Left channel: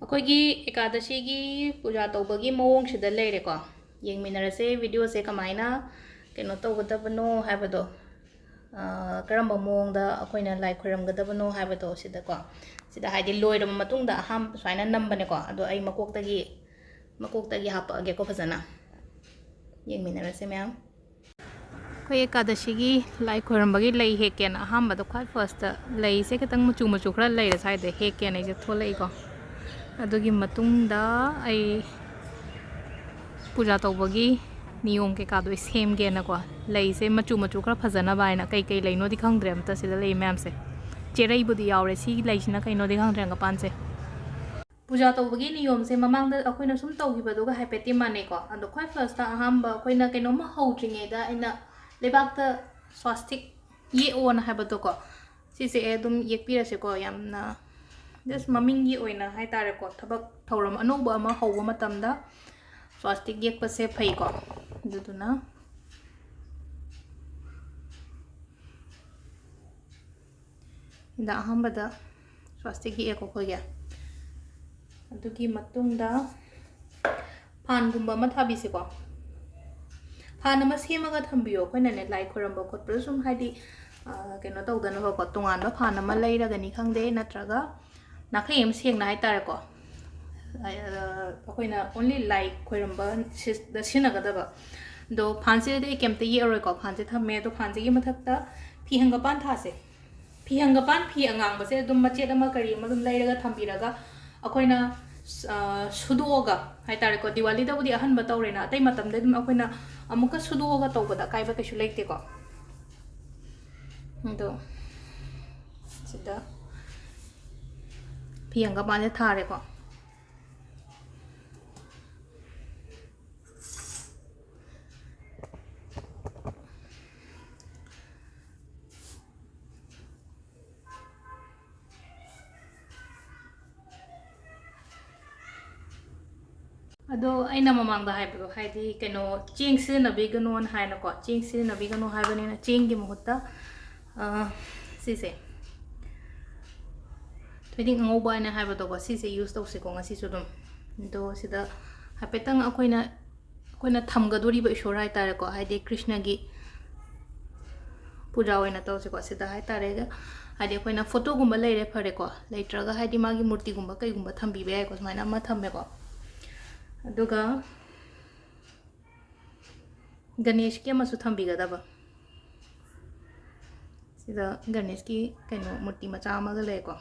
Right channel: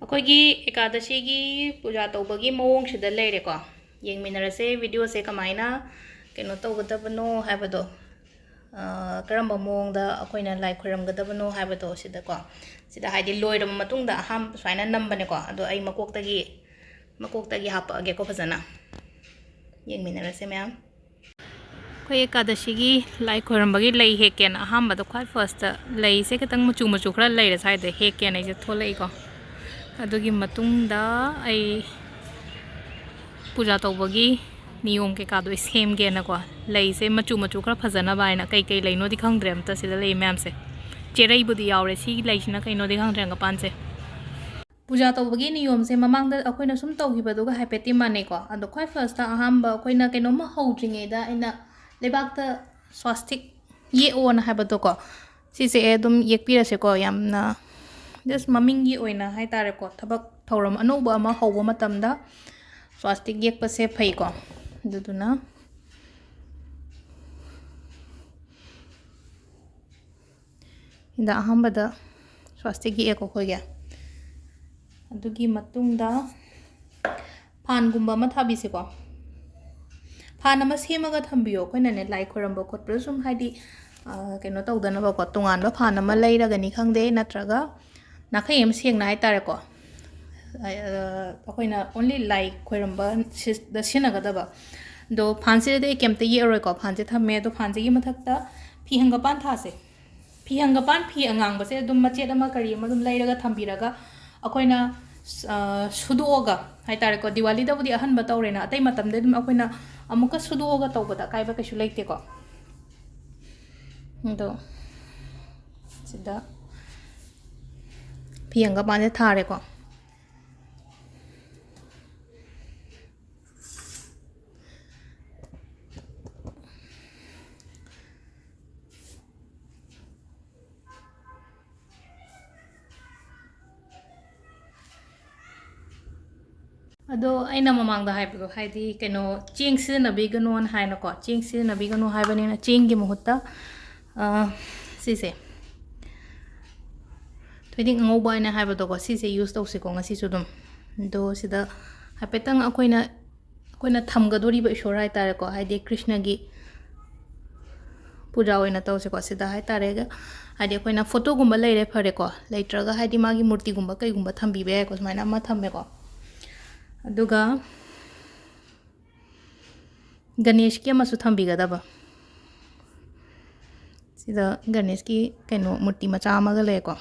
ꯑꯩꯈꯣꯏꯒꯤ ꯑꯦꯀꯥꯗꯁꯤꯒꯤ ꯄꯨꯖꯥ ꯇꯧꯕꯒꯤ ꯃꯑꯣꯡꯁꯤꯗ ꯂꯩꯔꯦꯀꯣ ꯌꯦꯡꯃꯤꯟꯅꯔꯁꯦ ꯚꯤꯗꯤꯑꯣꯁꯦ ꯀꯃꯥꯏꯅ ꯀꯩꯅꯣ ꯇꯧꯒꯗꯕꯅꯣ ꯍꯥꯏꯕꯗꯣ ꯀꯔꯝꯕ ꯃꯑꯣꯡꯗ ꯑꯩꯈꯣꯏꯅ ꯂꯥꯏ ꯈꯣꯏꯔꯝꯒꯗꯕꯅꯣ ꯍꯥꯏꯕꯗꯣ ꯁꯤꯗꯀꯣ ꯁꯤꯗ ꯍꯥꯏꯗꯤ ꯂꯣꯏꯔꯕ ꯃꯇꯨꯡꯗ ꯑꯍꯥꯟꯕ ꯁꯨꯃꯥꯏꯅ ꯅꯝꯕꯅꯦꯀꯣ ꯑꯗꯣ ꯑꯩ ꯃꯀꯣꯛꯇꯒꯤ ꯍꯥꯞꯄꯛꯑꯒꯦꯀꯣ ꯐꯖꯅ ꯌꯦꯡꯃꯤꯟꯅꯔꯁꯦ ꯃꯌꯥꯝ ꯑꯩꯈꯣꯏ ꯑꯦꯀꯥꯗꯁꯤꯒꯤ ꯂꯥꯏ ꯈꯣꯏꯔꯝꯕꯒꯤ ꯂꯩ ꯍꯦꯛꯀꯦꯅ ꯑꯍꯥꯟꯕꯗ ꯈ꯭ꯋꯥꯏ ꯐꯥꯔꯁꯇ ꯂꯩꯁꯦ ꯈꯤꯇꯪ ꯃꯆꯨ ꯈꯔ ꯂꯩꯔꯦ ꯁ꯭ꯋꯥꯏꯗ ꯍꯦꯛꯀꯦꯅ ꯑꯩꯁꯦ ꯊꯣꯛꯂꯛꯏꯀꯣ ꯑꯗꯨꯒꯤ ꯃꯇꯨꯡꯗ ꯑꯩ ꯄꯨꯖꯥ ꯇꯧꯕꯒꯤ ꯅꯤꯌꯣꯝ ꯀꯩꯀꯥꯗꯣ ꯁꯦꯝꯒꯦꯅꯀꯣ ꯂꯩꯁꯦ ꯃꯆꯨ ꯈꯔ ꯐꯖꯅꯕ ꯍꯥꯏꯅ ꯀꯩ ꯂꯩꯅꯣꯗꯤ ꯈꯪꯗ꯭ꯔꯦ ꯑꯝꯇ ꯁꯤꯗ ꯂꯩ ꯃꯌꯥꯝꯁꯦ ꯆꯦꯔꯩꯕꯨꯗꯤ ꯌꯥꯎꯔꯦ ꯁꯤꯒꯤ ꯂꯩꯁꯤꯅ ꯀꯩꯅꯣꯗꯤ ꯈꯪꯗ꯭ꯔꯦ ꯍꯪꯒꯄꯥꯟꯁꯦ ꯄꯨꯖꯥ ꯇꯧꯕꯒꯤ ꯅꯤꯌꯣꯝꯁꯦ ꯃꯃꯥꯡꯗ ꯑꯩꯈꯣꯏꯅ ꯁꯨꯝ ꯇꯧꯈꯤꯕꯗꯨꯒ ꯍꯥꯏꯐꯦꯠꯇꯤ ꯃꯥꯟꯅꯩꯀꯣ ꯑꯗꯣ ꯈ꯭ꯋꯥꯏ ꯐꯥꯔꯁꯇ ꯑꯍꯥꯟꯕ ꯑꯩꯈꯣꯏꯅ ꯀꯩꯅꯣꯝꯃ ꯍꯧꯗ꯭ꯔꯤꯉꯩꯗ ꯑꯩꯅ ꯂꯩꯕꯥꯛꯇ ꯁ꯭ꯋꯥꯁꯇꯤꯛ ꯌꯦꯛꯑꯣꯅ ꯍꯥꯏꯕꯗꯣꯀꯣ ꯁꯤꯁꯦ ꯑꯗꯨꯝ ꯌꯦꯛꯄꯤꯔꯁꯦꯀꯣ ꯌꯥꯝꯅ ꯖꯁ ꯃꯃꯤꯡꯒꯤ ꯑꯣꯏꯅ ꯍꯥꯏꯇꯥꯔꯦꯀꯣ ꯊꯕꯛ ꯊꯧꯔꯝ ꯑꯅꯧꯕ ꯑꯃ ꯍꯧꯕ ꯃꯇꯝꯗ ꯁ꯭ꯋꯥꯁꯇꯤꯛ ꯌꯦꯛꯄꯁꯦ ꯐꯩꯀꯣ ꯑꯗꯨꯗꯨꯅ ꯁꯤꯗ ꯑꯍꯥꯟꯕꯗ ꯁ꯭ꯋꯥꯁꯇꯤꯛ ꯌꯦꯛꯑꯦꯀꯣ ꯑꯩꯈꯣꯏꯒꯤ ꯑꯗꯨꯒꯤ ꯃꯇꯨꯡꯗ ꯐꯥꯟꯒꯨꯝꯕ ꯑꯃ ꯊꯥꯕꯤꯁꯦꯀꯣ ꯐꯥꯟ ꯑꯃ ꯁꯦꯝꯃꯒ ꯊꯝꯕꯤꯌꯣ ꯑꯩꯈꯣꯏꯅꯅꯦ ꯂꯥꯏ ꯈꯣꯏꯔꯝꯕ ꯈꯣꯠꯄꯗ ꯁꯨꯝ ꯍꯥꯏꯗꯤ ꯀꯩꯅꯣ ꯇꯧꯗꯅꯕꯀꯣ ꯇꯣꯉꯥꯟꯕ ꯐꯥꯟ ꯑꯃ ꯂꯩꯔꯒꯅꯤ ꯈꯪꯗꯦ ꯅꯠꯇ꯭ꯔꯒ ꯅꯥꯈꯩ ꯑꯃ ꯁꯦꯡꯅ ꯍꯥꯏꯇꯥꯔꯦꯀꯣ ꯑꯩꯈꯣꯏꯅ ꯑꯣꯟꯂꯤ ꯂꯥꯏ ꯈꯣꯏꯔꯝꯕ ꯁꯤꯗ ꯁꯤꯖꯤꯟꯅꯒꯗꯕ ꯑꯗꯣ ꯐꯥꯟꯁꯤꯗꯗꯤ ꯑꯩ ꯀꯩꯝꯇ ꯌꯦꯛꯑꯔꯣꯏꯀꯣ ꯐꯥꯟꯁꯦ ꯊꯝꯃꯦ ꯑꯗꯣ ꯐꯥꯟꯁꯤꯒꯤ ꯃꯊꯛꯇ ꯐꯤ ꯍꯪꯒꯄꯥꯟ ꯊꯥꯁꯦ ꯐꯤ ꯍꯪꯒꯄꯥꯟ ꯐꯤ ꯑꯉꯥꯡꯕꯁꯦ ꯑꯗꯨꯝ ꯃꯆꯦꯠ ꯑꯃ ꯀꯔꯤ ꯑꯃ ꯑꯗꯨꯝ ꯂꯩꯔꯒ ꯊꯝꯕꯤꯔꯒ ꯑꯩꯈꯣꯏꯅ ꯁꯨꯗꯣꯛꯑꯒ ꯍꯥꯏꯇꯥꯔꯦꯀꯣ ꯗꯤꯋꯥꯂꯤꯗꯕꯨꯗꯤ ꯑꯍꯟꯕ ꯇꯧꯔꯦꯅ ꯑꯇꯩ ꯃꯇꯝꯗ ꯑꯗꯨꯝ ꯑꯩꯈꯣꯏꯅ ꯑꯃꯨꯛꯀ ꯁꯨꯗꯣꯛꯑꯒ ꯇꯧꯕꯗ ꯑꯀꯥꯏꯕ ꯀꯩꯁꯨ ꯂꯩꯇꯦꯀꯣ ꯑꯗꯣ ꯁꯤꯗ ꯐꯤ ꯍꯪꯒꯄꯥꯟꯁꯦ ꯊꯥꯔꯦꯀꯣ ꯑꯗꯣ ꯑꯩꯅ ꯃꯃꯥꯡꯗ ꯍꯥꯏꯕꯗꯣ ꯍꯥꯏꯗꯤ ꯀꯩꯅꯣ ꯆꯦꯡ ꯁꯤꯖꯤꯟꯅꯕꯤꯒꯅꯣꯅ ꯍꯥꯏꯅꯀꯣ ꯆꯦꯡ ꯁꯤꯖꯤꯟꯅꯕꯤꯒꯅꯣ ꯍꯥꯏꯕꯅꯤꯅ ꯆꯦꯡꯒꯤ ꯃꯍꯨꯠꯇ ꯁꯤꯁꯦ ꯊꯣꯏꯗꯤꯡ ꯑꯉꯧꯕ ꯍꯥꯏꯅ ꯍꯥꯏꯕꯗꯣꯀꯣ ꯁꯤꯁꯦ ꯌꯨꯁ ꯇꯧꯁꯤꯀꯣ ꯉꯁꯤꯁꯨ ꯑꯗꯨꯝ ꯑꯗꯣ ꯁꯤꯗ ꯍꯥꯏꯐꯦꯠꯇꯪ ꯑꯩꯈꯣꯏꯅ ꯊꯝꯒꯗꯣꯔꯤꯕ ꯏꯁꯣꯔ ꯍꯥꯏꯇꯥꯔꯦꯀꯣ ꯍꯥꯏꯗꯤ ꯀ꯭ꯔꯤꯁꯅꯒꯤ ꯄꯨꯖꯥ ꯑꯣꯏꯅ ꯇꯧꯁꯦꯀꯣ ꯁꯤꯗ ꯍꯥꯏꯇꯥꯔꯦ ꯍꯥꯏꯗꯤ ꯑꯩꯈꯣꯏꯅ ꯐꯣꯇꯣꯒꯨꯝꯕ ꯂꯩꯔꯦ ꯐꯔꯦꯀꯣ ꯂꯩꯇ꯭ꯔꯒ ꯍꯥꯏꯗꯤ ꯃꯥꯒꯤ ꯃꯨꯔꯇꯤꯒꯨꯝꯕ ꯀꯩꯒꯨꯝꯕ ꯊꯝꯕꯤꯕ ꯌꯥꯏꯀꯣ ꯁꯨꯃꯥꯏꯅ ꯑꯃ ꯊꯝꯃꯦꯀꯣ ꯑꯗꯨꯒ ꯒꯅꯦꯁꯀꯤ ꯑꯃꯁꯨ ꯊꯝꯕꯤꯒꯗꯕ ꯁꯤꯗ ꯒꯅꯦꯁꯀꯤ ꯀꯩꯅꯣ ꯃꯨꯔꯇꯤ ꯃꯆꯥ ꯑꯃꯒ ꯂꯩꯌꯦꯀꯣ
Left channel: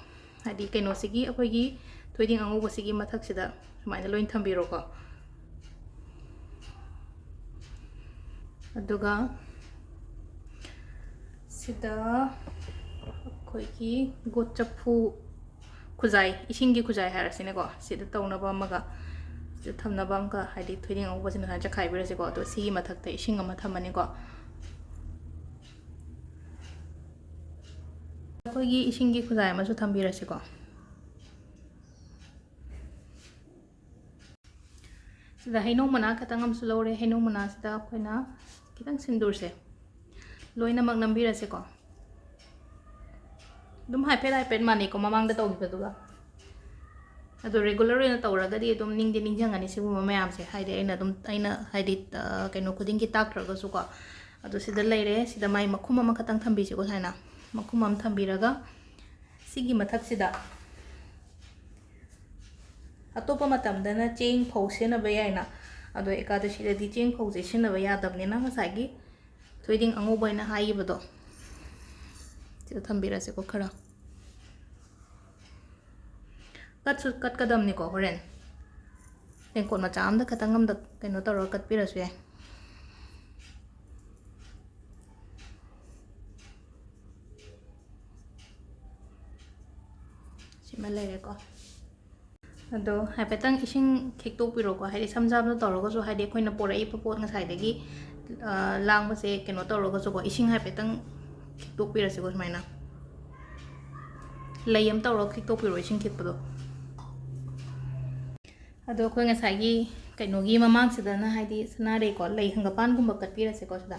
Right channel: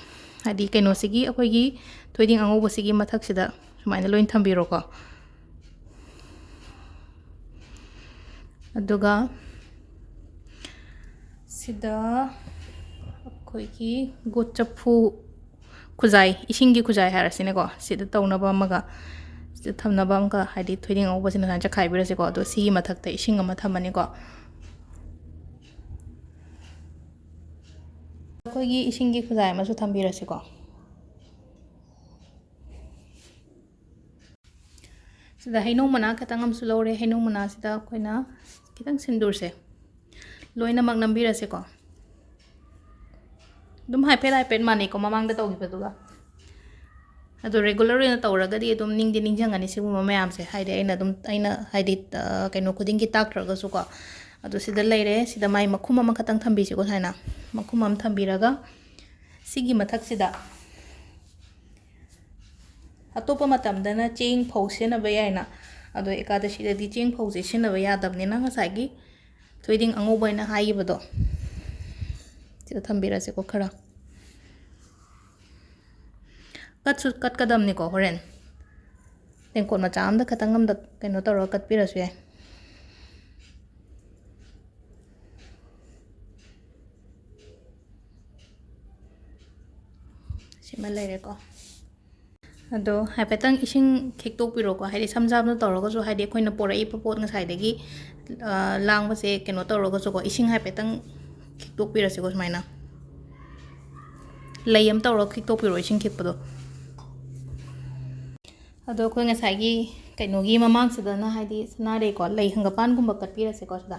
ꯍꯥꯏꯗꯤ ꯀꯩꯅꯣꯁꯤꯒꯤ ꯑꯩꯈꯣꯏꯒꯤ ꯊꯣꯏꯗꯤꯡ ꯑꯉꯧꯕꯁꯤꯒꯤ ꯃꯊꯛꯁꯤꯗ ꯁꯨꯃꯥꯏꯅ ꯂꯣꯏ ꯊꯝꯕꯤꯔꯣꯀꯣ ꯑꯗꯨꯒ ꯁꯤꯗ ꯑꯩꯈꯣꯏꯒꯤ ꯒꯣꯠ ꯆꯐꯨ ꯈꯨꯖꯥꯏ ꯏꯁꯤꯡꯒꯤ ꯈꯨꯖꯥꯏ ꯍꯥꯏꯔꯁꯤꯅꯦꯀꯣ ꯁꯤꯗ ꯇꯧꯅꯕ ꯑꯃꯒ ꯁꯤꯗ ꯊꯝꯅꯕ ꯑꯃꯒ ꯍꯥꯏꯗꯤ ꯊꯣꯏꯗꯤꯡ ꯑꯉꯧꯕꯁꯤꯅ ꯁꯨꯃꯥꯏꯅ ꯆꯈꯥꯏꯕꯤꯔꯁꯦꯀꯣ ꯑꯗꯣ ꯁꯤꯒꯤ ꯃꯊꯛꯇ ꯏꯁꯤꯡ ꯑꯃ ꯊꯝꯃꯅꯤꯀꯣ ꯑꯩꯈꯣꯏꯒꯤ ꯏꯁꯤꯡꯒꯤ ꯈꯨꯖꯥꯏ ꯑꯃꯁꯨ ꯊꯝꯕꯤꯔꯁꯤꯀꯣ ꯁꯤꯗ ꯍꯩꯅꯧ ꯃꯅꯥ ꯈꯤꯇꯪ ꯑꯃꯁꯨ ꯂꯧꯔꯦ ꯍꯩꯅꯧ ꯃꯅꯥꯁꯤꯗ ꯑꯩꯈꯣꯏꯅ ꯈꯤꯇꯪ ꯁꯤꯟꯗꯨꯔꯁꯦ ꯂꯣꯏꯅꯃꯛ ꯅꯝꯕꯤꯔꯁꯦꯀꯣ ꯑꯗꯨꯝ ꯍꯥꯏꯐꯦꯠ ꯃꯥꯟꯅꯩꯀꯣ ꯃꯃꯥꯡꯗ ꯇꯧꯈꯤꯕꯗꯨꯒ ꯑꯗꯣ ꯔꯦꯒꯨꯂꯔ ꯑꯣꯏꯅ ꯇꯧꯔꯒꯗꯤ ꯑꯗꯨꯝ ꯅꯤꯡꯁꯤꯡꯒꯅꯤ ꯁꯤꯒꯨꯝꯕ ꯃꯌꯥꯝꯁꯦ ꯍꯥꯏꯗꯤ ꯑꯩꯅ ꯍꯥꯏꯗꯤ ꯀꯩꯅꯣ ꯈꯨꯗꯤꯡꯒꯤ ꯇꯥꯛꯇ꯭ꯔꯒꯁꯨꯀꯣ ꯑꯗꯣ ꯁꯤꯗ ꯂꯩꯔꯦ ꯁꯤꯗ ꯃꯥꯏ ꯃꯈꯨꯝ ꯑꯃꯈꯛꯇꯪ ꯊꯝꯕꯤꯁꯤꯀꯣ ꯁꯨꯃꯥꯏꯅ ꯃꯈꯨꯝ ꯑꯃ ꯊꯝꯕꯤꯔꯒ ꯁꯤꯒꯤ ꯃꯊꯛꯁꯤꯗ ꯑꯇꯣꯞꯄ ꯃꯇꯝꯗꯅ ꯆꯦꯡ ꯐꯧ ꯁꯤꯖꯤꯟꯅꯕ ꯌꯥꯏꯅ ꯑꯗꯣ ꯑꯦꯀꯥꯗꯁꯤꯗꯗꯤ ꯆꯦꯡ ꯐꯧꯁꯦ ꯁꯤꯖꯤꯟꯅꯕ ꯌꯥꯗꯕꯅꯤꯅ ꯉꯁꯥꯏꯒꯤ ꯊꯣꯏꯗꯤꯡ ꯑꯉꯧꯕ ꯍꯥꯏꯅ ꯍꯥꯏꯈꯤꯕꯗꯣ ꯁꯤꯗ ꯊꯝꯕꯤꯔꯁꯦꯀꯣ ꯈꯔ ꯀꯠꯁꯨ ꯀꯠꯀꯗꯕꯅꯤꯀꯣ ꯍꯣꯔꯦꯟ ꯇꯦꯡꯀꯣꯠ ꯃꯆꯥ ꯑꯃꯗ ꯈꯇꯪ ꯑꯃꯗ ꯀꯩꯅꯣ ꯇꯧꯔꯒ ꯀꯠꯄꯤꯔꯁꯨ ꯌꯥꯏ ꯁꯤꯃ ꯂꯩꯔꯦꯀꯣ ꯑꯗꯣ ꯍꯥꯏꯐꯦꯠꯇꯪ ꯏꯁꯤꯡ ꯈꯤꯛꯇꯣꯛꯄꯤꯔꯣꯀꯣ ꯍꯥꯏꯗꯤ ꯁꯝ ꯁꯥꯝꯅ ꯇꯧꯔꯒꯁꯨ ꯍꯥꯏꯗꯤ ꯑꯩꯈꯣꯏꯅ ꯄꯣꯔꯛꯏꯕ ꯄꯣꯠ ꯉꯁꯥꯏꯗꯒꯤ ꯂꯥꯡꯕꯁꯦ ꯀꯩꯅꯣ ꯇꯧꯔꯒꯁꯨꯀꯣ ꯏꯁꯤꯡ ꯍꯥꯏꯐꯦꯠꯇꯪ ꯈꯤꯛꯇꯣꯛꯄꯤꯔꯁꯤꯀꯣ ꯁꯨꯃꯥꯏꯅ ꯂꯩ ꯑꯃ ꯇꯧꯔꯒ ꯈꯤꯛꯇꯣꯛꯄꯤꯔꯣ ꯏꯁꯤꯡ ꯈꯤꯛꯄꯗꯣ ꯑꯗꯣ ꯑꯩꯈꯣꯏ ꯉꯁꯥꯏꯒꯤ ꯀꯩꯅꯣꯒꯤ ꯃꯃꯥꯡꯁꯤꯗꯅ ꯍꯥꯏꯗꯤ ꯁꯅꯥꯔꯩꯀꯣ ꯂꯩ ꯍꯪꯒꯄꯥꯟꯒꯨꯝꯕ ꯀꯠꯄꯤꯔꯁꯦꯀꯣ ꯁꯤꯗ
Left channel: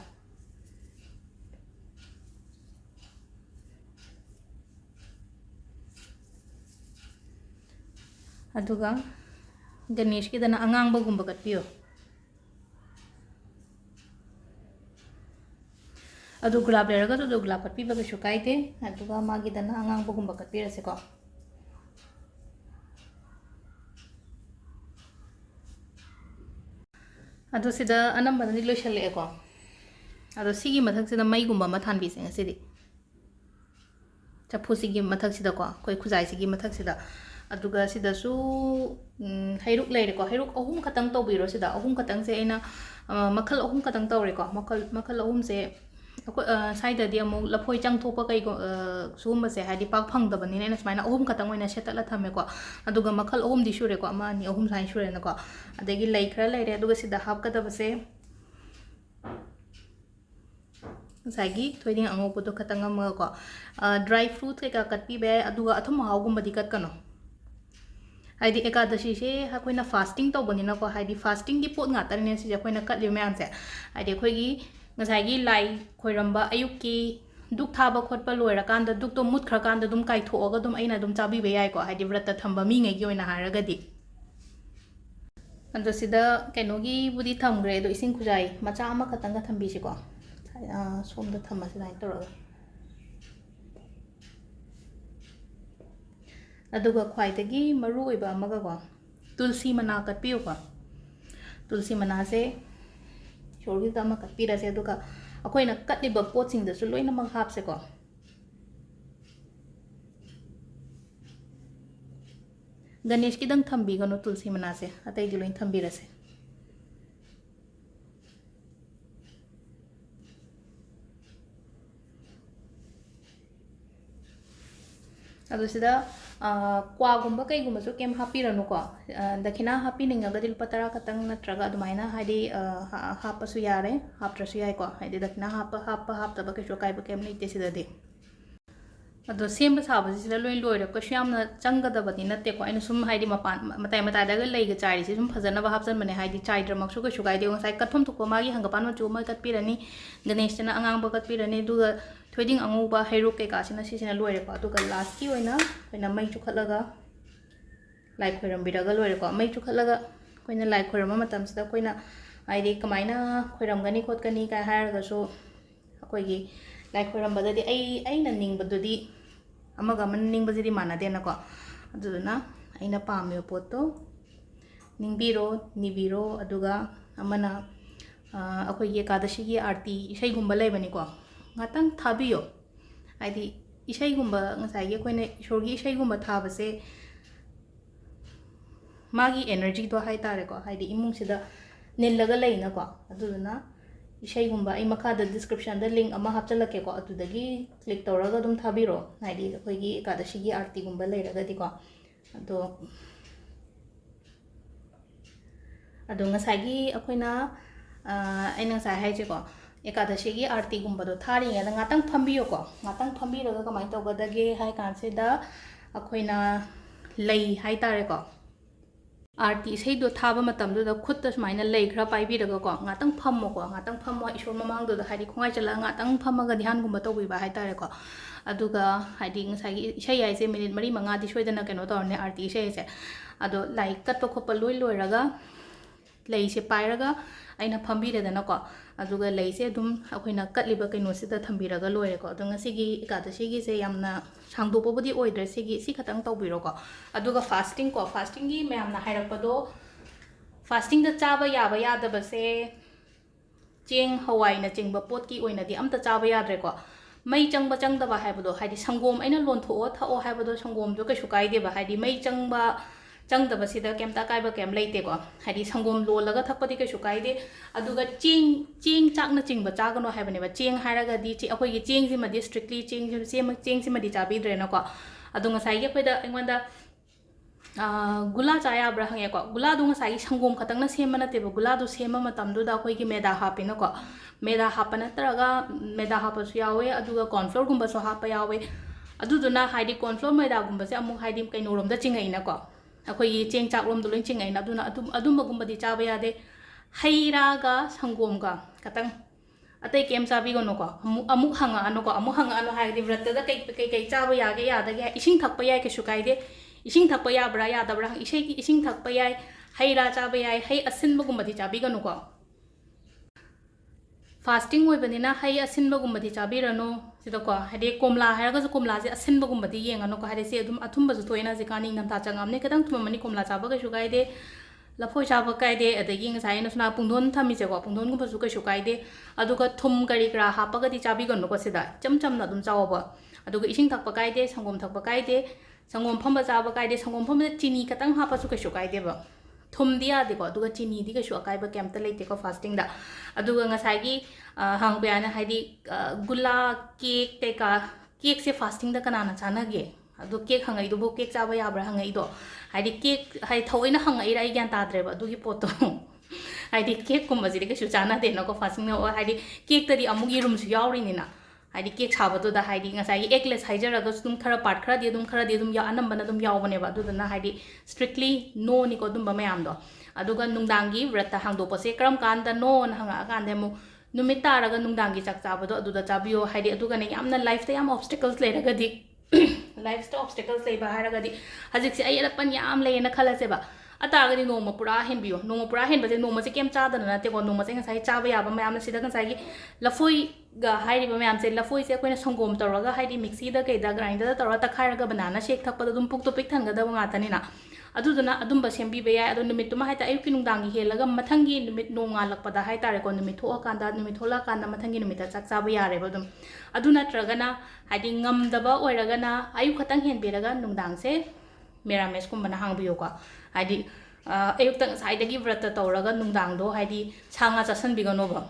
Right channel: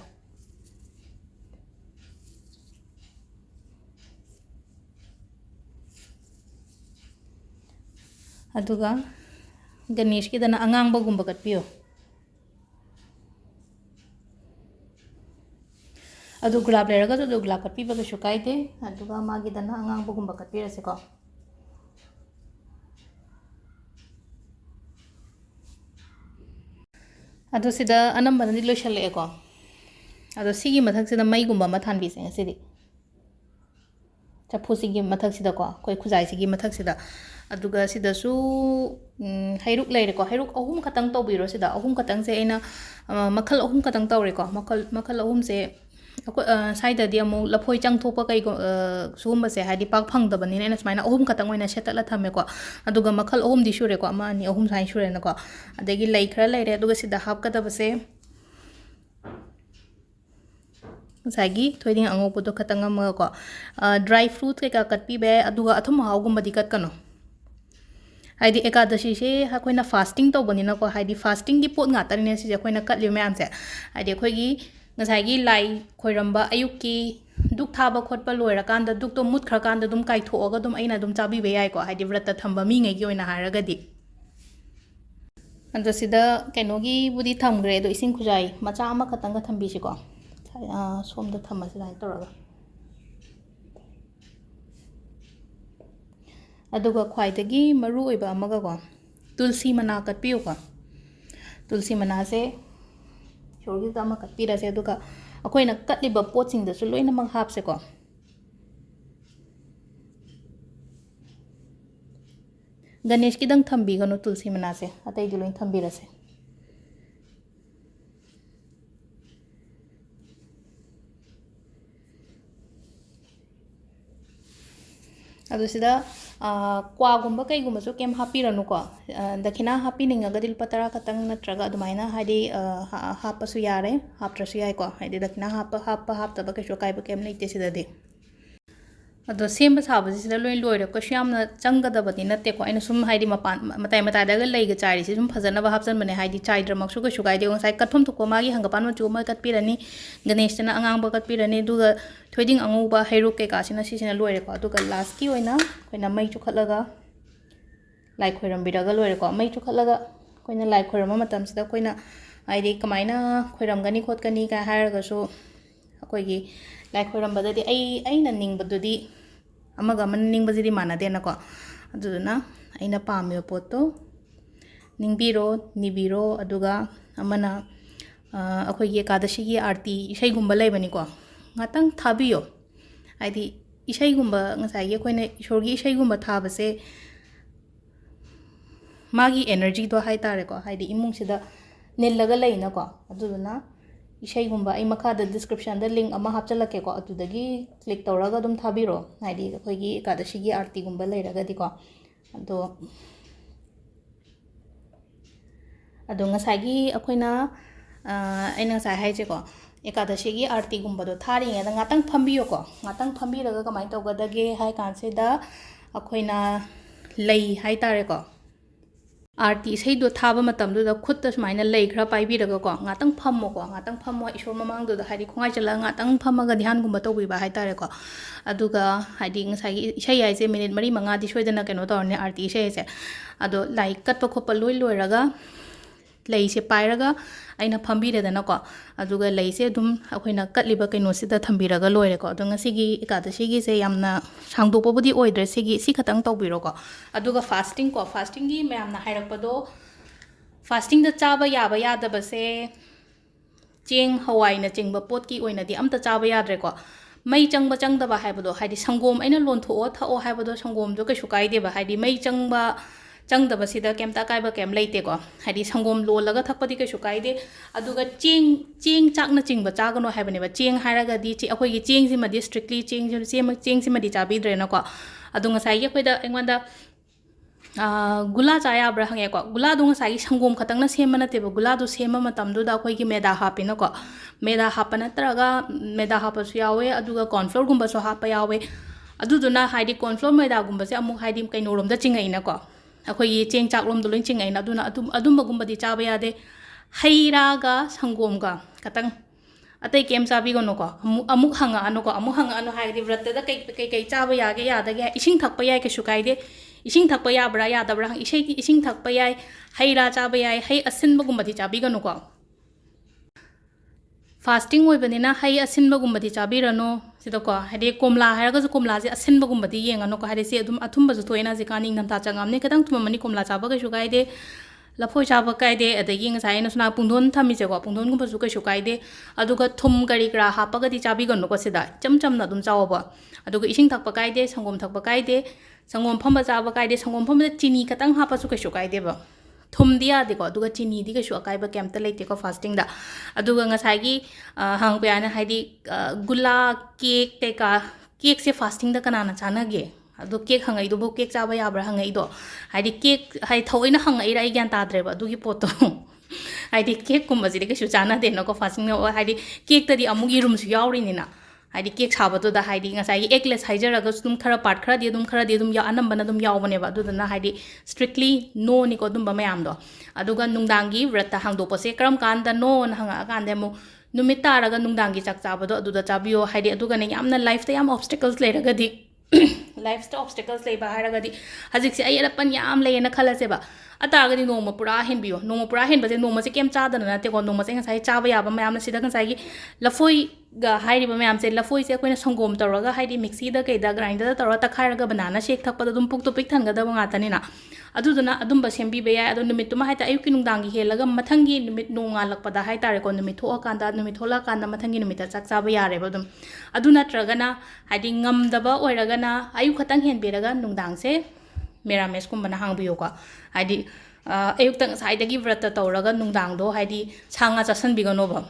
ꯑꯗꯨꯒ ꯒꯅꯦꯁꯀꯤꯗꯅ ꯑꯉꯥꯡꯕꯒꯨꯝꯕ ꯀꯠꯄꯤꯌꯣ ꯑꯗꯨ ꯒꯨꯂꯥꯞ ꯂꯩꯔꯒꯁꯨ ꯑꯗꯨ ꯒꯨꯂꯥꯞ ꯀꯠꯄꯤꯕ ꯀꯩꯁꯨ ꯀꯥꯏꯗꯦ ꯑꯗꯨꯒ ꯃꯥꯒꯤꯗꯅ ꯑꯉꯥꯡꯕꯒꯨꯝꯕ ꯀꯠꯄꯤꯔꯁꯦꯀꯣ ꯑꯗꯣ ꯁꯤꯗ ꯑꯅꯝꯕꯅꯗꯤ ꯂꯣꯏꯁꯜꯂꯛꯑꯦꯀꯣ ꯑꯗꯣ ꯁꯤꯒꯤ ꯃꯊꯛꯁꯤꯗ ꯃꯩꯒꯨꯝꯕ ꯑꯃ ꯊꯥꯟꯕꯤꯁꯦ ꯉꯁꯤꯗꯤ ꯆꯐꯨꯁꯤꯒꯤ ꯃꯊꯛꯁꯤꯗꯀꯣ ꯑꯩꯈꯣꯏ ꯈꯨꯖꯥꯏꯁꯤꯒꯤ ꯃꯊꯛꯁꯤꯗ ꯑꯗꯨꯒ ꯁꯤꯗꯁꯨ ꯍꯩꯔꯨꯛ ꯂꯩꯔꯦꯀꯣ ꯍꯩꯔꯨꯛ ꯑꯍꯨꯝ ꯈꯛꯇꯪ ꯇꯧꯕꯤꯔꯣ ꯁꯤꯗ ꯑꯍꯨꯝ ꯈꯛꯇꯪꯁꯦ ꯑꯩꯅ ꯃꯈꯜ ꯑꯍꯨꯝ ꯈꯛꯇꯪ ꯇꯧꯔꯦꯀꯣ ꯃꯈꯜ ꯑꯍꯨꯝꯁꯦ ꯑꯩꯈꯣꯏ ꯁ꯭ꯋꯥꯏꯗꯗꯤ ꯑꯃꯨꯛ ꯂꯐꯣꯏ ꯆꯪꯊꯣꯛꯄ ꯁꯤꯒꯨꯝꯕꯁꯦ ꯍꯥꯏꯗꯤ ꯄꯥꯛ ꯐꯪꯗꯕꯅꯤꯅ ꯑꯩꯅ ꯁꯨꯃꯥꯏꯅ ꯑꯍꯨꯝ ꯈꯛꯇꯪ ꯑꯣꯏꯅ ꯁꯦꯠꯇꯠꯂ ꯊꯝꯃꯦꯀꯣ ꯑꯗꯨꯒ ꯃꯈꯜ ꯑꯍꯨꯝꯗꯤ ꯁꯨꯔꯦꯀꯣ ꯑꯃ ꯑꯅꯤ ꯑꯍꯨꯝ ꯁꯨꯃꯥꯏꯅ ꯁꯨꯔꯦꯅꯀꯣ ꯑꯗꯒꯤ ꯂꯩ ꯈꯔ ꯂꯩꯔꯦ ꯑꯗꯨꯒ ꯁꯤꯗ ꯍꯥꯞꯀꯗꯕꯁꯦ ꯉꯁꯥꯏꯒꯤ ꯊꯣꯏꯗꯤꯡ ꯑꯉꯧꯕꯗꯣ ꯈꯛꯇꯪ ꯑꯃꯒꯀꯣ ꯗ꯭ꯔꯥꯏ ꯐ꯭ꯔꯨꯠ ꯀꯩꯀꯥ ꯀꯠꯄꯤꯕ ꯌꯥꯏ ꯑꯗꯨꯒ ꯑꯊꯨꯝ ꯑꯍꯥꯎꯒꯨꯝꯕꯗꯤ ꯀꯠꯀꯅꯨ ꯍꯥꯏꯗꯤ ꯑꯦꯀꯥꯗꯁꯤꯁꯦ ꯑꯩꯈꯣꯏꯅ ꯐꯥꯁꯇꯤꯡ ꯇꯧꯕꯅꯤꯅꯀꯣ ꯍꯥꯏꯗꯤ ꯐꯥꯁꯇꯤꯡꯒꯤ ꯄꯣꯠ ꯉꯥꯛꯇꯅꯤꯅꯦ ꯁꯤꯁꯦ ꯑꯩꯈꯣꯏꯅ ꯀꯠꯂꯤꯕ ꯃꯌꯥꯝꯁꯦ ꯍꯥꯏꯗꯤ ꯑꯩꯈꯣꯏꯒꯤ ꯉꯁꯥꯏꯒꯤ ꯂꯥꯏ ꯈꯣꯏꯔꯝꯕ ꯑꯌꯨꯛꯀꯤ ꯗꯨꯛ ꯊꯥꯕ ꯈꯣꯠꯄ ꯂꯣꯏꯔꯀꯥꯟꯗ ꯗꯨꯛꯇꯣ ꯃꯨꯠꯈ꯭ꯔꯀꯥꯟꯗ ꯑꯗꯨꯝ ꯀꯥꯏꯊꯣꯛꯑꯒ ꯑꯗꯨꯝ ꯑꯩꯅ ꯑꯗꯨꯝ ꯆꯥꯕꯤꯕ ꯌꯥꯏꯀꯣ ꯍꯥꯏꯗꯤ व्रत ꯊꯝꯕ ꯃꯤꯉꯩꯒꯤ ꯑꯣꯏꯅ ꯍꯥꯏꯔꯒꯗꯤ ꯑꯗꯣ ꯁꯤꯗ ꯀꯩꯅꯣꯒꯤꯕꯨꯗꯤ ꯊꯝꯈ꯭ꯔꯦ ꯑꯗꯣ ꯏꯁꯤꯡ ꯈꯨꯖꯥꯏ ꯃꯆꯥ ꯑꯃꯈꯛꯇꯪꯒ ꯊꯝꯕꯤꯁꯤꯀꯣ ꯁꯣꯝꯗ ꯊꯝꯃꯁꯤ ꯑꯗꯨꯃꯥꯏꯅ ꯇꯧꯔꯒ ꯑꯗꯨꯒ ꯈ꯭ꯋꯥꯏꯗꯒꯤ ꯃꯔꯨꯑꯣꯏꯕ ꯑꯃꯒꯀꯣ ꯇꯨꯜꯁꯤ ꯃꯅꯥ ꯀꯠꯄꯤꯌꯨꯀꯣ ꯇꯨꯜꯁꯤ ꯃꯅꯥꯁꯦ ꯏꯁꯣꯔꯒꯤꯗ ꯑꯃ ꯀꯠꯄꯤꯔꯁꯦ ꯑꯗꯨꯒ ꯑꯩꯈꯣꯏꯅ ꯀꯠꯂꯤꯕ ꯄꯣꯠꯁꯤꯡꯗꯁꯨ ꯂꯣꯏꯅꯃꯛ ꯍꯥꯞꯁꯦꯀꯣ ꯒꯅꯦꯁꯀꯤꯗꯪ ꯊꯝꯕꯤꯒꯅꯨ ꯇꯨꯜꯁꯤ ꯃꯅꯥꯁꯦ ꯑꯇꯩꯗꯤ ꯂꯣꯏ ꯊꯝꯕꯤꯔꯁꯦ ꯑꯗꯣ ꯁꯤꯗ ꯀ꯭ꯋꯥꯒꯨꯝꯕ ꯀꯩꯒꯨꯝꯕꯁꯨ ꯀꯩꯝ ꯍꯥꯞꯄꯤꯔꯅꯨꯀꯣ ꯗꯈꯤꯅꯥ ꯍꯥꯞꯄꯤꯅꯤꯡꯉꯒꯗꯤ ꯂꯨꯄꯥ 10 ꯈꯛꯇꯪ ꯅꯠꯇ꯭ꯔꯒ ꯑꯗꯨꯃꯥꯏꯅ ꯍꯥꯏꯗꯤ ꯍꯥꯞꯄꯁꯨ ꯌꯥꯔꯦ ꯍꯥꯞꯇ꯭ꯔꯁꯨ ꯌꯥꯏꯀꯣ ꯍꯥꯏꯗꯤ ꯗꯈꯤꯅꯥ ꯍꯥꯞꯇꯕ ꯀꯩꯁꯨ ꯑꯀꯥꯏꯕ ꯀꯩꯝ ꯂꯩꯇꯦ ꯁꯤꯗꯗꯤ ꯑꯗꯣ ꯁꯦꯝꯕ ꯁꯥꯕꯁꯤ ꯁꯤꯗ ꯂꯣꯏ ꯂꯣꯏꯔꯦ ꯀꯩꯁꯨ ꯌꯥꯝꯅ ꯆꯪꯒꯗꯕꯗꯤ ꯅꯠꯇꯦꯀꯣ ꯑꯩꯅ ꯁꯨꯝ ꯍꯥꯏꯗꯤ ꯃꯇꯥꯏ ꯃꯇꯥꯏꯗꯒ ꯂꯩꯒ ꯆꯥꯏꯔꯤꯁꯤ ꯁꯨꯝ ꯐꯖꯅꯕ ꯍꯥꯞꯆꯟꯕꯅꯦ ꯍꯥꯏꯗꯤ ꯆꯥꯏꯗ꯭ꯔꯃꯛꯁꯨ ꯀꯩꯁꯨ ꯀꯥꯏꯗꯦ ꯉꯁꯥꯏ ꯀꯠꯐꯝ ꯊꯣꯛꯄ ꯃꯥꯒꯤ ꯍꯪꯒꯄꯥꯟ ꯃꯆꯨ ꯑꯃ ꯀꯠꯄꯤꯔꯅꯤ ꯒꯅꯦꯁꯇꯅ ꯑꯉꯥꯡꯕ ꯀꯠꯄꯤꯔꯅꯤ ꯑꯗꯨꯒ ꯊꯣꯏꯗꯤꯡ ꯑꯉꯧꯕ ꯍꯩꯔꯨꯛ ꯀꯩꯀꯥꯁꯤꯅ ꯁꯤꯁꯤꯅ ꯂꯣꯏꯔꯦꯀꯣ ꯑꯗꯨꯒ ꯂꯥꯁꯀꯤ ꯑꯣꯏꯅ ꯑꯩꯈꯣꯏꯅ ꯃꯩ ꯆꯨꯈꯠꯂꯒ ꯂꯥꯏ ꯈꯣꯏꯔꯝꯕꯤꯔꯒ ꯂꯣꯏꯔꯦꯀꯣ ꯃꯩ ꯆꯨꯈꯠꯂꯒ ꯑꯩꯈꯣꯏꯅ ꯂꯥꯏ ꯈꯣꯏꯔꯝꯕ ꯃꯇꯝꯁꯤꯗ ꯑꯩꯈꯣꯏꯅ ꯍꯥꯏꯗꯤ ꯀꯃꯥꯏꯅ ꯈꯣꯏꯔꯝꯒꯅꯤ ꯈꯣꯠꯀꯅꯤ ꯀꯥꯏ ꯍꯥꯏꯔꯒꯁꯨ ꯑꯩꯈꯣꯏꯒꯤ ꯂꯥꯏ ꯈꯣꯏꯔꯝꯕꯗꯗꯤ ꯑꯩꯅ ꯅꯤꯡꯕꯗꯨꯗꯤ ꯑꯃꯒ ꯑꯃꯅ ꯅꯤꯡꯕꯁꯤꯗꯤ ꯃꯥꯟꯅꯗꯦꯅꯀꯣ ꯑꯗꯨꯗꯨꯅ ꯑꯩꯅ ꯄꯥꯝꯃꯤꯕ ꯄꯣꯠꯇꯣ ꯅꯤꯡꯕꯤꯔꯣ ꯅꯤꯕꯤꯔꯣ ꯑꯗꯨꯒ ꯑꯃꯅ ꯑꯩꯈꯣꯏꯒꯤ ꯑꯦꯀꯥꯗꯁꯤꯒꯤ ꯑꯥꯔꯇꯤ ꯏꯁꯩꯒꯨꯝꯕ ꯂꯩꯕꯅꯤꯀꯣ ꯉꯥꯛꯇꯪ ꯊꯥꯕꯤꯌꯣ ꯍꯥꯏꯗꯤ ꯏꯁꯩꯒꯨꯝꯕ ꯉꯁꯥꯏꯒꯤ ꯑꯩꯈꯣꯏꯅ ꯏꯁꯣꯔꯒꯤ ꯏꯁꯩꯒꯨꯝꯕ ꯊꯥꯕꯁꯦ ꯃꯥꯒꯤ 에너지ꯗꯣ ꯍꯥꯏꯇꯥꯔꯦꯀꯣ ꯍꯥꯏꯗꯤ ꯏꯃꯨꯡꯁꯤꯗ ꯅꯤꯜꯂꯒ ꯂꯩꯅꯀꯣ ꯑꯗꯨꯗꯨꯅ ꯏꯁꯩꯒꯨꯝꯕ ꯑꯩ ꯃꯈꯥꯗ ꯗꯤꯁꯀ꯭ꯔꯤꯞꯁꯟꯗ ꯂꯤꯡꯛ ꯑꯃ ꯍꯥꯞꯆꯜꯂꯛꯀꯦꯀꯣ ꯑꯗꯨꯗꯒꯤ ꯀ꯭ꯂꯤꯛ ꯇꯧꯔꯒ ꯑꯗꯨꯝ ꯊꯥꯕꯤꯔꯣ ꯍꯥꯏꯗꯤ ꯑꯩꯈꯣꯏꯒꯤ ꯑꯦꯀꯥꯗꯁꯤꯒꯤ ꯑꯥꯔꯇꯤꯒꯨꯝꯕ ꯂꯩꯔꯒꯗꯤꯀꯣ ꯑꯗꯣ ꯉꯁꯥꯏꯒꯤ ꯑꯩꯈꯣꯏꯅ ꯑꯩꯅ ꯉꯁꯥꯏ ꯍꯥꯏꯁꯦꯀꯣ ꯑꯦꯀꯥꯗꯁꯤꯒꯤ ꯑꯥꯔꯇꯤꯒꯨꯝꯕꯗꯣ ꯊꯥꯔꯤꯉꯩꯗ ꯉꯥꯛꯇꯪ ꯐꯝꯕꯤꯌꯣꯀꯣ ꯉꯥꯛꯇꯪ ꯐꯝꯕꯤꯔꯒ ꯀꯃꯥꯏꯅ ꯇꯧꯒꯗꯒꯦ ꯍꯥꯏ ꯀꯥꯟꯁꯤꯗ ꯑꯩꯈꯣꯏꯅ ꯂꯩ ꯍꯥꯏꯇꯥꯔꯦꯀꯣ आरती इसेदो थाबा मतमदुदा खुत्ता सुमाइना लई खरा पाइबिरगको ngатang phammoko ngatang phammo isor mamangduda haidi khongai chala ngatang phammaga dhyan gumba tawbiba haitare ko aduga haidi ngasai isai yaise minute mari manga di soidana keno tawne arti isai se ado lai katpa khopa loi loiraga lei se pairaga aina phambireda ko aduga lei se dum akoina katliba keno sida thambiraga loire ko ado ngasigi ekadasi gi se yamna sangdopa budi oidre sigi si khatang tawbiro ko aduga fasting gi mayamna hairapado fasting da chaba yaba yadaba se cheng hawai na chengba pot ki oina di amta chaba yadre ko mai changba changdaba haibado haidi sangom aina lontho thao haibado sangom jo kaisu kaide ba haidi mai changba changdaba sida kemta kaiba kem leite ko haidi sangom lolaga thakpadi kaisu kaide aduga cheng chakna chingba chagano haibane ba cheng hairaga di chi akoi gi cheng sima di strictly cheng sima di chabi dre na ko adunga sai ye koida engwanda gula chaya bra hange ko gula dunga sai sangom khatang na sema na teba gula du sema matam du da koi gi meda hapina ko meda hapana traga meda hapasu yawe aduga corn flour gumba so hapa yawe aduduna haidi corn flour meda gumba se amu haidi kaino rom da chingai na ko akoi cheng chak rom du loin chingai na aduna adumba gumba di chaba yade haira ga sangom ga katang atai kem chabi gono ko amuk hanga ano ko amuk hanga ano haidi vrata da kai chaba yage yada ge ising thakpa yai ke sukai de इसिंग thukpa याब्रा यादब्रा इसिंग thukpa याय हैरा चाबा याय है असिनबगुम्बदी चाबीगनुको fasting होइबनिना है असिनबगुम्बदी चाबीरनो सिदको हाइदि कोमला हायरगसु कोमलाजे असिनबगुम्बदी येंगनको हाइदि से अदुम अथुम्बसु थोइना जिकानि नमता चंगामने खतंग थुममनि कोमला चाबा कइसु गाइदे लफोइ चाबा काइदे अदगी ngसाइ नसना पुंदोन थमिसेको पुंदोनगुम्बसु कइसु गाइदे अदुगा थुम करि करा हापगदी चाबीगनुको सिदा चमचमना अदुम चावबा अदुगा इसिंग थक्पा काइदे संगोम थक्पा काइदे संगोम फम्बा चाबा काइदे संगोम फम्बा चीनी खतंग हापसु कइसु गाइदेबा थुमदी यादेको अदुगा चीनीदी कइसु अकाइबा कैम्ता लेतेको fasting दा अदुगा ngसाइगी हांगबयाना हाइदि गुला केक तेका केक से फास्टिंग दा कनाना चानागे अदु केक हंगाइदुबो केक चाबा याब्रा हंगाइदो हाइदि केक हाइ थौइना हंगाइरा आई ग्यान ताद्रेबा अदुगी पोतो हाइदि केक कुम्बसिदि कइसु चानादेनको फास्टिंग हाइदि केक तदि अमुग इरुमसु याउरिनिना हाइदि केक साबदुदा हाइदि ngसाइगी एगलेस हाइजरगा सुम खरा पार्ट खरादि अदुम या अनंबना अदुम यावबनेबा अदुदना हाइदि स्ट्रिक्टली नो निको अदुम मयामदो अदुगा नुंगदांगी व्रत हांगदोपसे करम कांदा नो न हंगा कांदे मु नुमित तारगा नुंगदांगी चाक चाबदो अदुदा चाबियो हाइदि अदुगाने यामना लाइफ ता याम ऑब्स्टिकल्स लेरगदी लाइफ ता ऑब्स्टिकल्स लेबा हारगदी हजिकसे आई अलपन याम लेना खलसेबा अतागदी नोमा पुरा हेनबियो नोमा पुरा हेनबसे नोमा से केम चादना नतेको नोमा से ngसाइ चाबा याबा मयाम सिदा ngसाइगी लफोइ गा हाइरिबा मयाम से लफोइ से कोइना संगोम तौरगा हाइदि मिक्सी दा केदा ग्राइंडर दा तौरा तखारगा बनाना शेक थकपदा दुम पुक तो पिक थंगदबा ngaतनिना अदुदुना अदुम बसेम बे अदु नुमित तुमा हाइता अयुकी नुंगदांगी हेलगा मथंगी नुमित नोंगा लकपदा हाइतारेको नुमित थोआ कांदा नुमित थोला कांदा मथंगी नुमित चाक चाबा यारेबा दुम अदु नत्रगना हाइदि ngमदबा ओइरगना अयु खतंग हेनबेरगा नुंगदांग से मेरामेस कुंबना हांगबियोको हाइदि अयुक्तंग साइदगी व्रत तौरगा नुंगदांगदो हाइदि सांगा चासनबिगनोबा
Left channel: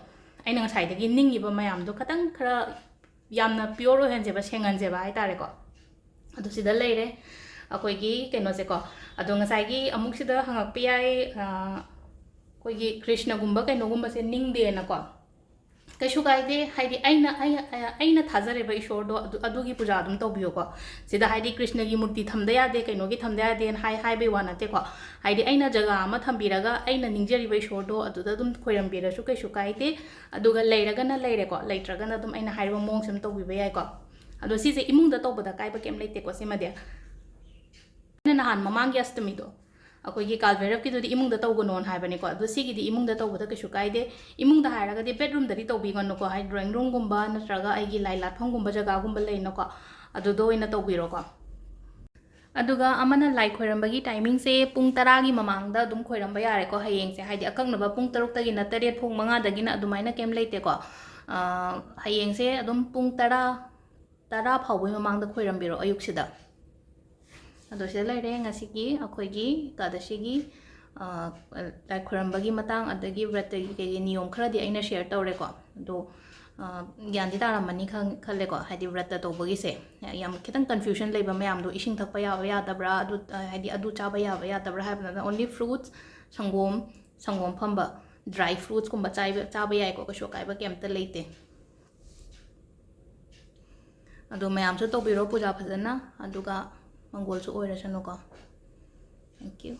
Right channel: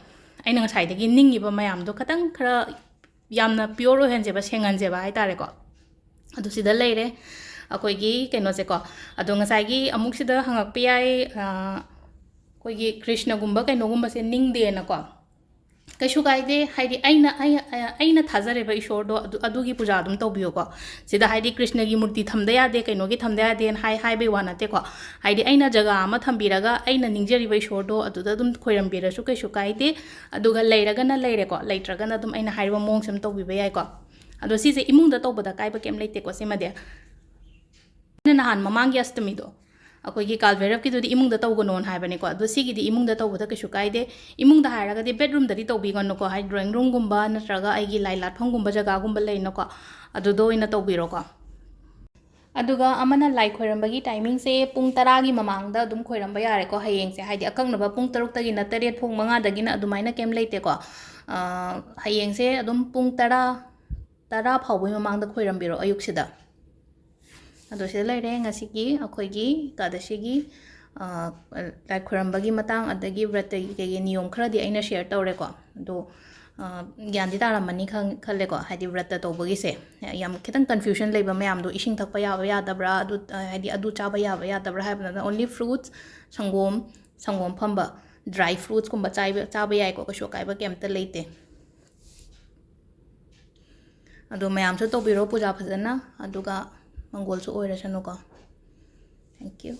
अइना ngसाइदगी निंगिबा मयामदो खतंग खरा यामना प्योर ओहेनजेबा सेंगनजेबा हाइतारेको अदु सिदा लेरे अखोइगी कैनोसेको अदु ngसाइगी अमुक सिदा हंगकपि याय अखोइगी कृष्णगुम्बा कैनोगुम्बसे निंगदेनको कइसु गाइदे हाइदि अइना थाजरेबा ईश्वरदो अदुगी पूजा अदुम तौबियोको सिदा हाइदि कृष्णगी मूर्ति थमदा यादे कैनोगी थमदा यादे हाइबे वानातेको हाइदि अइना जगह अमा थम्बिरगा अइना निंगजरिबा ईश्वरदो अदुदा अदुम खोइरमबिरसु कइसु गाइदे अदुगा लेरगना लेरेको लेट्रगना अदुम अइना हाइबा मोंगसम तौबिबा याइको अदो सिसे इमुंगदा तौबदा काइबा केम लेतेको सिमदे नहान ममांगी अष्टमीदो अखोइगी कालभैरवकीदुदी इमुंगदा तौगनोन हाइबनेको अदो सिगिदी इमुंगदा तौबदा कइसु काइदे इमुंगदा हाइरगदी बेडरूमददी तौबिगनोको हाइ ड्राइंग रूमगुम्बा नत्रगा आइगी लाई लाटफमगुम्बा जगहगुम्बा लेनोको अदुदो ओइना तौबिरोको अदुगा अमना लाई खोइरमबगी टाइमिंग से पुंग 10 गी ममांगदा अदुम खोइरमबा यारेको हयेंगसे हाइदि अकंगनबा पुंग 6 तगी न 8 पुंग 5 दगी न अदुमाइना केम लेतेको हयेंगसे अदुम पुंग 10 फाउबई ममांगदा खोइरमबिरो अयुक्सिदा अदो से लेरे ngasiगी अखोइगी कादशिगी लाई खोरमबगी मतंग अदगी व्रतगी के नियम खरादी अइना शेयर तौरेको दो ज्ञानदी तारामनी खलेको हाइदि व्रत तौबगी से याम खितंग कन्फ्यूजन लेबा मयाम दो इसिंग थकपा याबा यादब्रा अदु हाइदि अदु चाबा याबा यादब्रा हाइबना ओनली फ्रूट्स संगोम फंबा ड्राई फ्रूट्स कुंबा चाबा याइको कशो काइबा केमता लेते अदो मयामसु तौबिरो पूजा फजना अदुगा मंगोलसु ओइरसनुको थैंक यू